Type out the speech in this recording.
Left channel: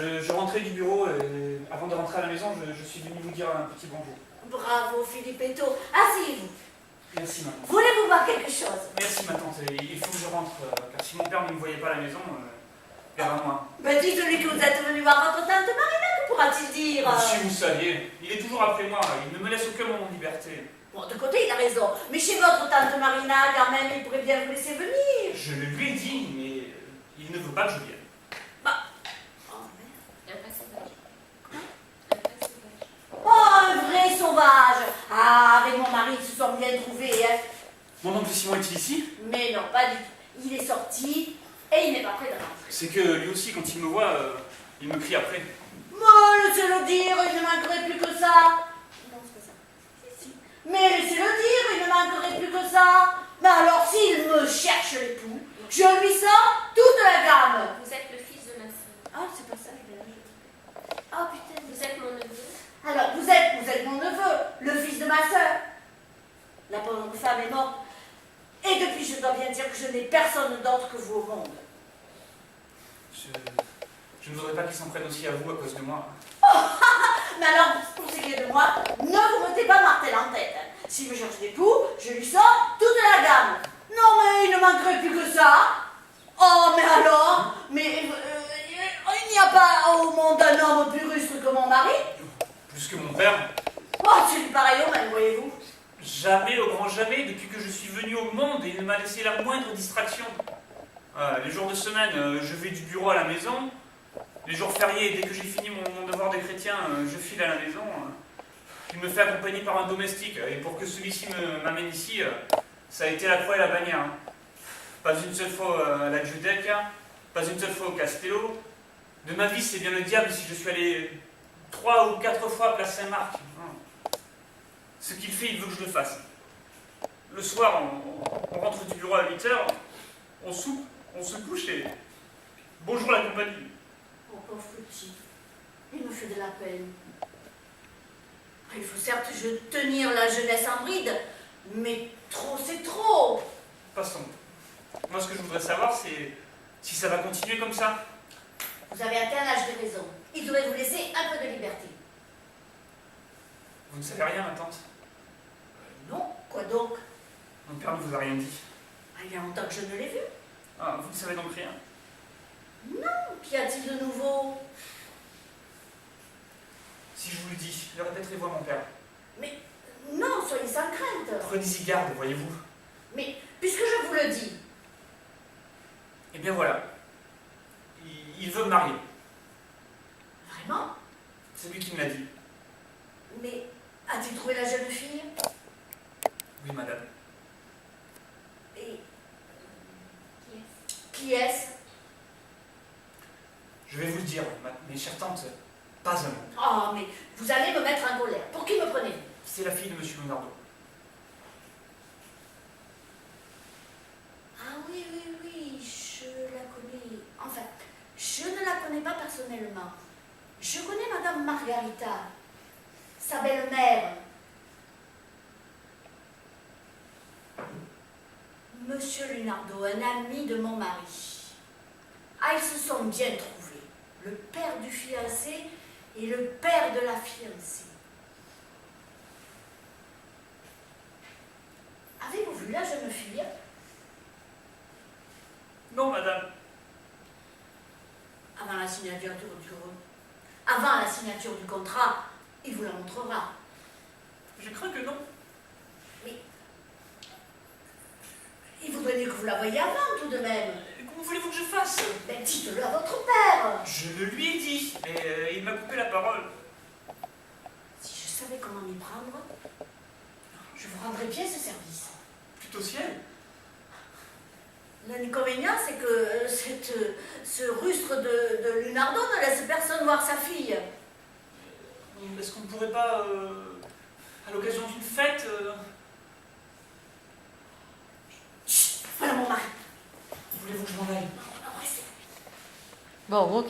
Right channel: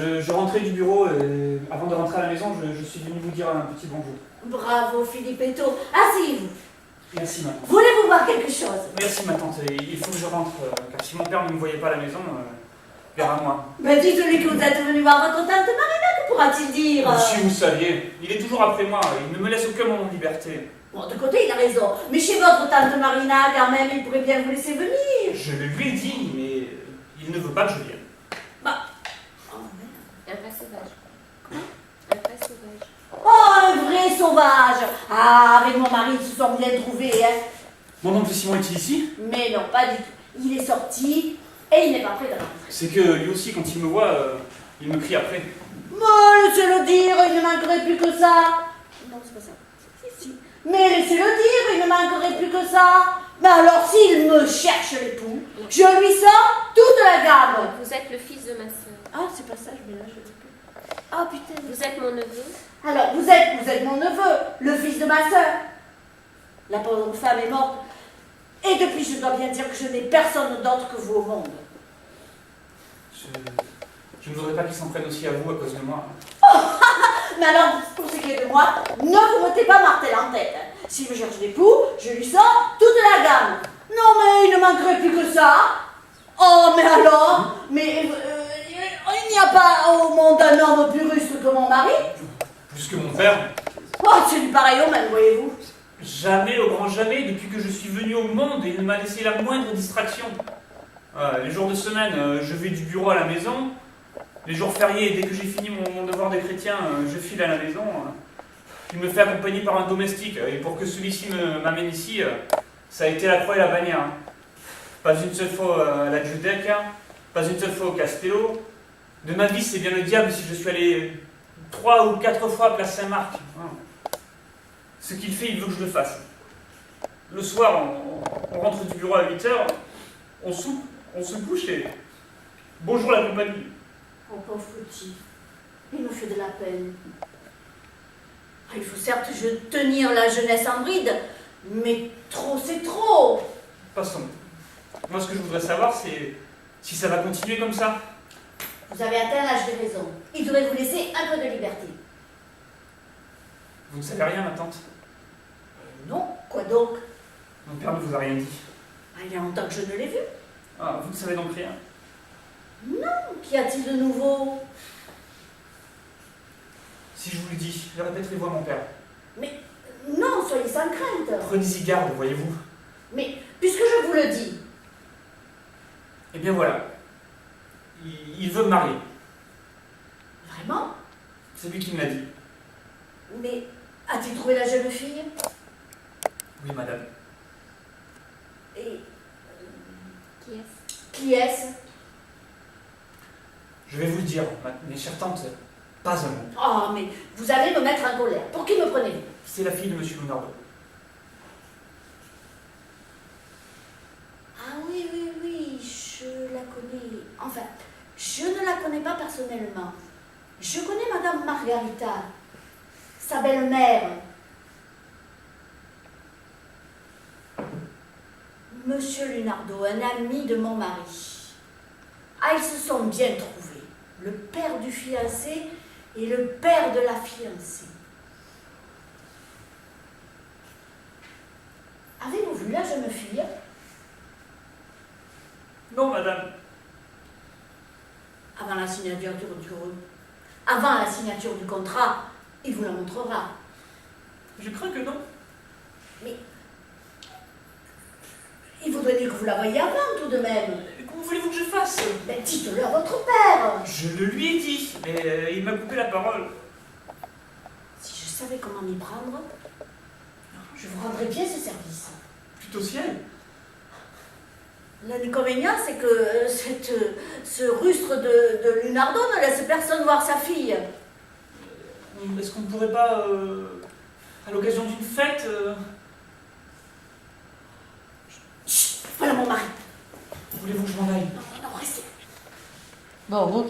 Je rentrais du bureau et avant de rentrer à la maison, je suis venu vous dire un petit bonjour. Bravo, Philippetto. Asseyez-vous. Merci ma tante. Voulez-vous voir quelque chose? Merci ma tante. Et il faut que je rentre, car si mon père ne me voyait pas à la maison, vers à moi. Ben dites-lui que vous êtes venu voir votre tante Marina, que pourra-t-il dire? Si vous saviez, il est toujours après moi, il ne me laisse aucun moment de liberté. Bon, de côté, il a raison. Mais chez votre tante Marina, quand même, il pourrait bien vous laisser venir. Je le lui ai dit, mais il ne veut pas que je vienne. Bah... Oh, merde. Un vrai sauvage. Comment? Un vrai sauvage. Oh, un vrai sauvage. Ah, avec mon mari, ils se sont bien trouvés, hein. Mon oncle Simon est-il ici? Mais non, pas du tout. Il est sorti et il n'est pas prêt de rentrer. C'est que lui aussi, quand il me voit, il me crie après. Mais laissez-le dire, il ne manquerait plus que ça. Non, c'est pas ça. Si. Mais laissez-le dire, il ne manquerait plus que ça. Mais alors, s'il me cherche l'époux, je lui sors toute la gamme. Vous êtes le fils de ma sœur. Ah, c'est pas ça, je mélange les deux. Ah, putain. Vous êtes mon neveu. Alors, vous êtes mon neveu, le fils de ma sœur. La pauvre femme est morte. Et depuis, je dois bien dire que je n'ai personne d'autre que vous au monde. Je ne voudrais pas qu'il s'en prenne aussi à vous à cause de moi. Mais alors, pour ce qui est de moi, ne vous mettez pas martel en tête. S'il me cherche d'époux, je lui sors toute la gamme. Non, mais il ne manquerait plus que ça. Oh, mais alors, mais il n'y a pas au monde un homme plus rustre que mon mari. Plus que mon père. Oh, c'est du pareil au même, voyez-vous. Jamais, au grand jamais, depuis que je suis venu au monde, il ne m'a laissé la moindre distraction. Les jours de semaine, je vais du bureau à la maison. Les jours fériés, dès que j'ai fini mon devoir de chrétien, je file à la maison. Il me fait accompagner par un domestique. Et pour que celui-ci m'amène ici, ça a été la croix et la bannière. Pas une seule fois à la Giudecca, pas une seule fois au Castello. De ma vie, c'est bien le diable si je suis allé 3 ou 4 fois à Place Saint-Marc. Ce qu'il fait, il veut que je le fasse. Le soir, on rentre du bureau à 8h, on soupe, on se couche et bonjour la compagnie. Oh, pauvre petit, il me fait de la peine. Il faut certes tenir la jeunesse en bride, mais trop c'est trop. Passons. Moi, ce que je voudrais savoir, c'est si ça va continuer comme ça. Vous avez atteint l'âge de raison. Il devrait vous laisser un peu de liberté. Vous ne savez rien, ma tante. Non, quoi donc? Mon père ne vous a rien dit. Ah, il y a longtemps que je ne l'ai vu. Ah, vous ne savez donc rien. Non, qu'y a-t-il de nouveau? Si je vous le dis, le répéterez-vous à mon père. Mais non, soyez sans crainte. Prenez-y garde, voyez-vous. Mais puisque je vous le dis, Eh bien voilà. Il veut me marier. vraiment? C'est lui qui me l'a dit. Mais a-t-il trouvé la jeune fille? Oui, madame. Et Qui est-ce? qui est-ce? Je vais vous le dire, mes chères tantes, pas un mot. Oh, mais vous allez me mettre en colère. Pour qui me prenez-vous? C'est la fille de monsieur Leonardo. Ah oui, oui, oui, je la connais. Enfin, je ne la connais pas personnellement. Je connais Madame Margarita, sa belle-mère. Monsieur Lunardo, un ami de mon mari. Ah, ils se sont bien trouvés. Le père du fiancé et le père de la fiancée. Avez-vous vu la jeune fille? Non, madame. Avant la signature avant la signature du contrat, il vous la montrera. Je crains que non. Mais il vaudrait mieux que vous la voyiez avant, tout de même. Comment voulez-vous que je fasse? Ben, dites-le à votre père. Je le lui ai dit, mais il m'a coupé la parole. Si je savais comment m'y prendre, je vous rendrais bien ce service. Plutôt ciel. L'inconvénient, c'est que ce rustre de Lunardo ne laisse personne voir sa fille. Est-ce qu'on ne pourrait pas, à l'occasion d'une fête... Chut, voilà mon mari. Voulez-vous que je m'en aille? Non, non, restez. Bon, ok.